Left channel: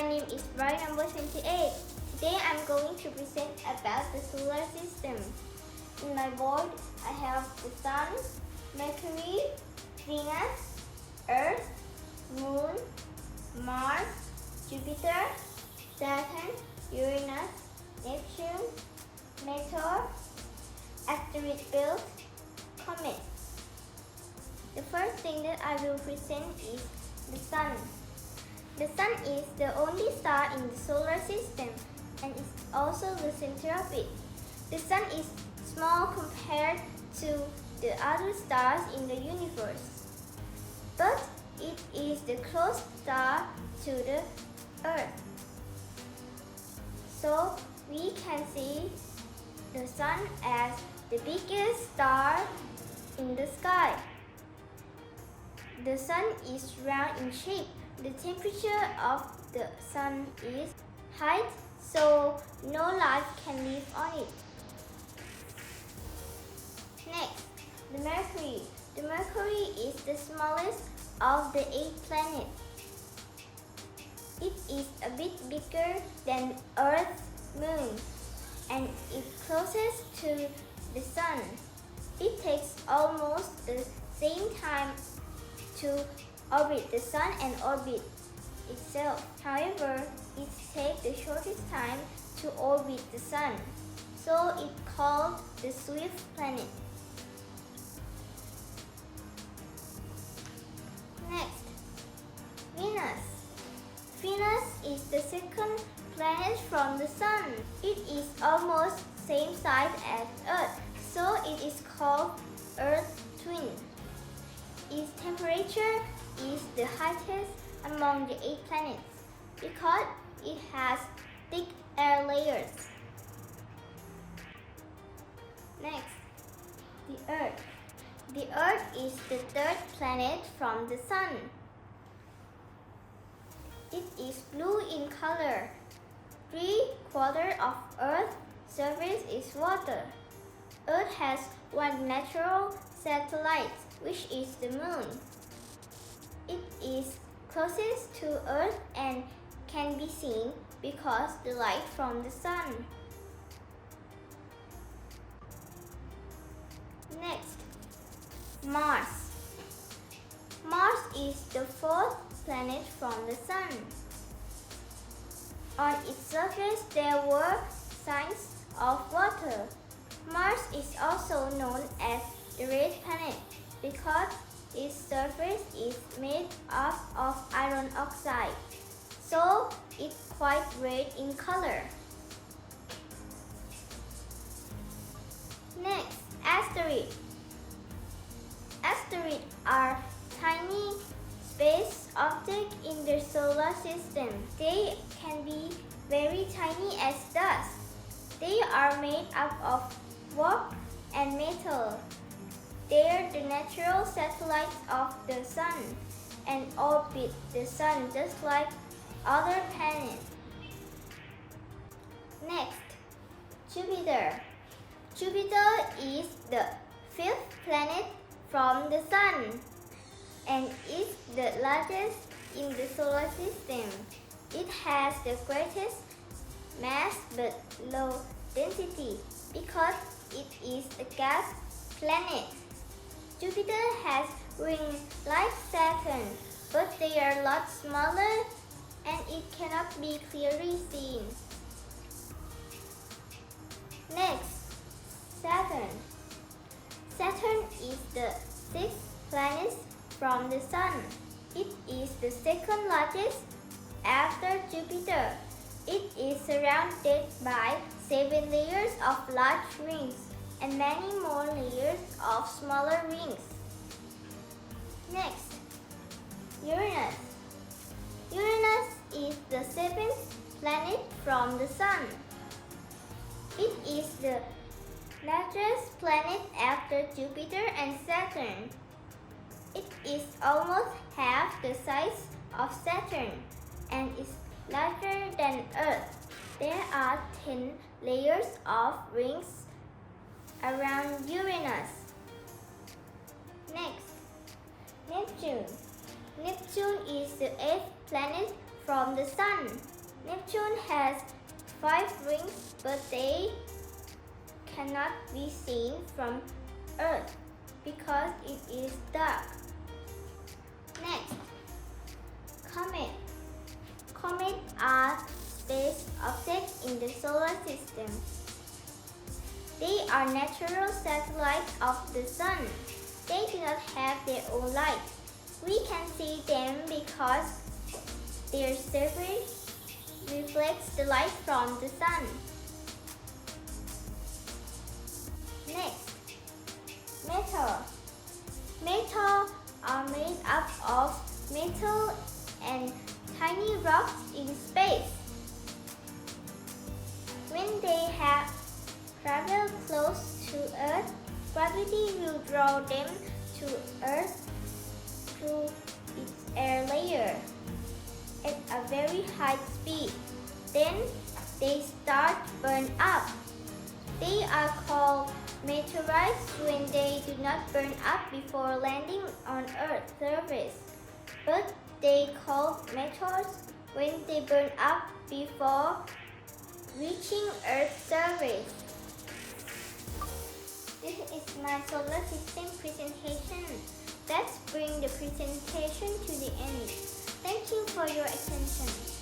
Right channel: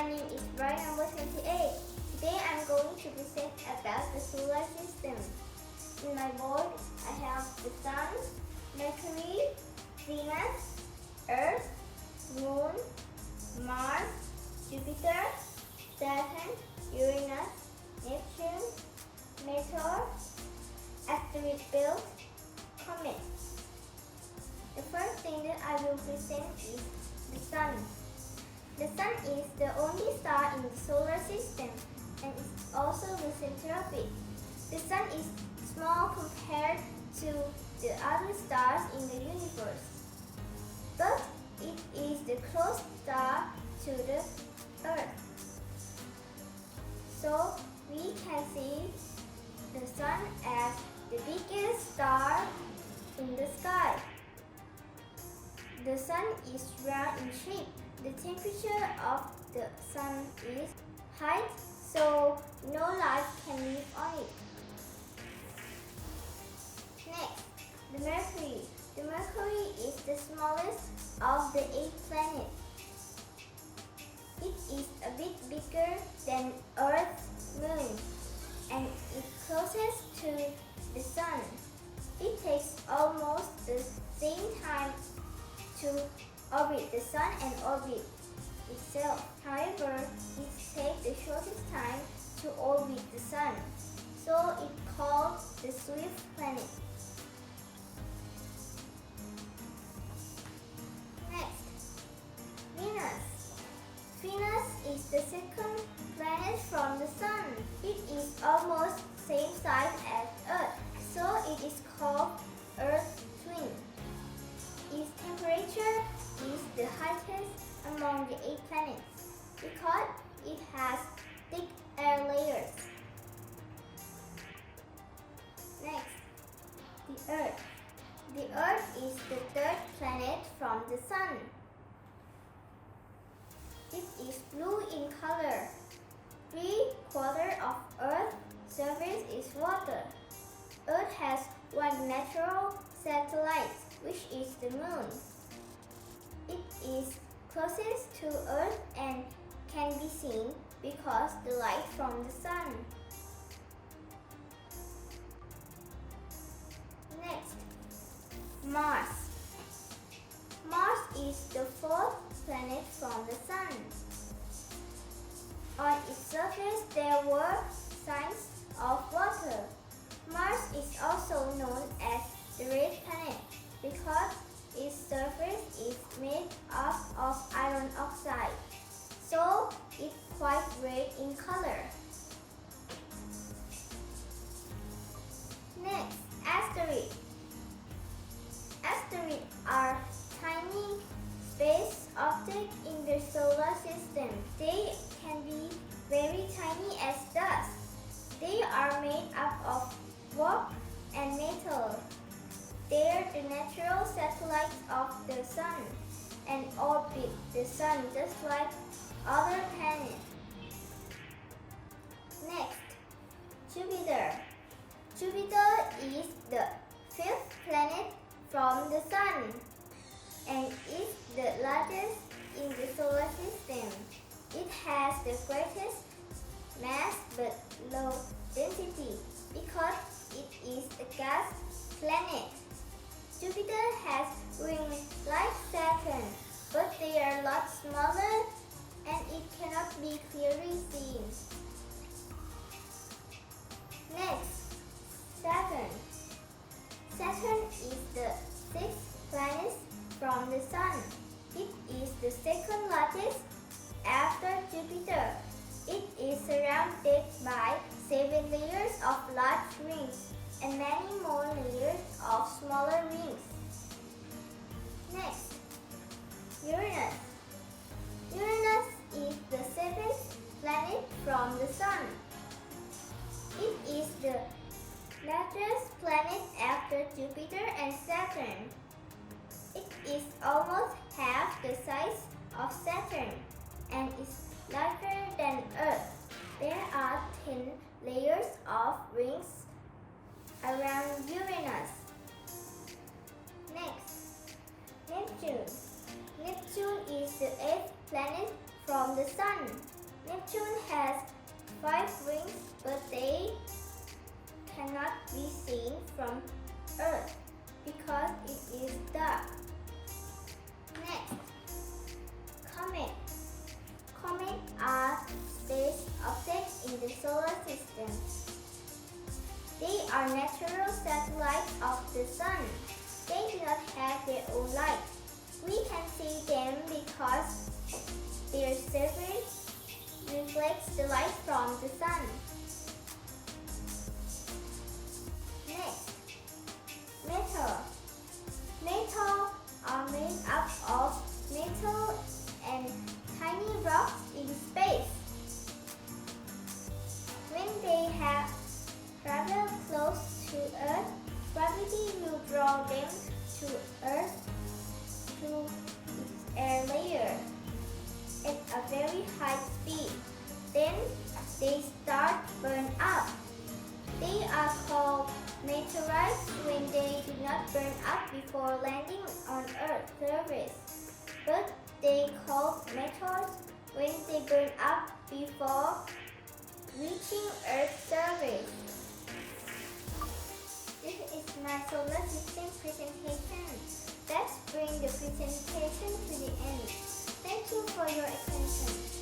My name is Brian number 28. Today I'm going to present about the solar system. In my board, I have the Sun, Mercury, Venus, Earth, Moon, Mars, Jupiter, Saturn, Uranus, Neptune, Meteor, asteroid belt, comet. The first thing that I will present is the Sun. The Sun is the only star in the solar system and is also the center of it. The Sun is small compared to the other stars in the universe, but it is the closest star to the Earth. So we can see the Sun as the biggest star in the sky. The Sun is round in shape. The temperature of the Sun is high, so no life can live on it. Next, the Mercury. The Mercury is the smallest of the 8 planets. It is a bit bigger than Earth's moon, and it closest to the Sun. It takes almost the same time to orbit the Sun and orbit itself. However, it takes the shortest time to orbit the Sun, so it's called the swift planet. Next, Venus. Venus is the second planet from the Sun. It is almost same size as Earth, so it is called Earth twin. Its temperature is the highest among the 8 planets because it has thick air layers. Next, the Earth. The Earth is the third planet from the Sun. It is blue in color. 3/4 of Earth's surface is water. Earth has one natural satellite, which is the Moon. It is closest to Earth and can be seen because the light from the Sun. Next, Mars. Mars is the 4th planet from the Sun. On its surface there were signs of water. Mars is also known as the red planet because its surface is made up of iron oxide, so it's quite red in color. Next, asteroids. Asteroids are tiny space objects in the solar system. They can be very tiny as dust. They are made up of rock and metal. They are the natural satellites of the Sun and orbit the Sun just like other planets. Next, Jupiter. Jupiter is the 5th planet from the Sun and is the largest in the solar system. It has the greatest mass but low density because it is a gas planet. Jupiter has rings like Saturn, but they are a lot smaller and it cannot be clearly seen. Next, Saturn. Saturn is the 6th planet from the Sun. It is the second largest after Jupiter. It is surrounded by 7 layers of large rings and many more layers of smaller rings. Next, Uranus. Uranus is the 7th planet from the Sun. It is the largest planet after Jupiter and Saturn. It is almost half the size of Saturn and is larger than Earth. There are 10 layers of rings around Uranus. Next, Neptune. Neptune is the 8th planet from the Sun. Neptune has 5 rings, but they cannot be seen from Earth because it is dark. Next, comets. Comets are space objects in the solar system. They are natural satellites of the Sun. They do not have their own light. We can see them because their surface reflects the light from the Sun. Next, metal. Metal are made up of metal and tiny rocks in space. When they have traveled close to Earth, gravity will draw them to Earth through its air layer at a very high speed. Then they start burn up. They are called meteorites when they do not burn up before landing on Earth's surface, but they called meteors when they burn up before reaching Earth's surface. This is my solar system presentation. Let's bring the presentation to the end. Thank you for your attention.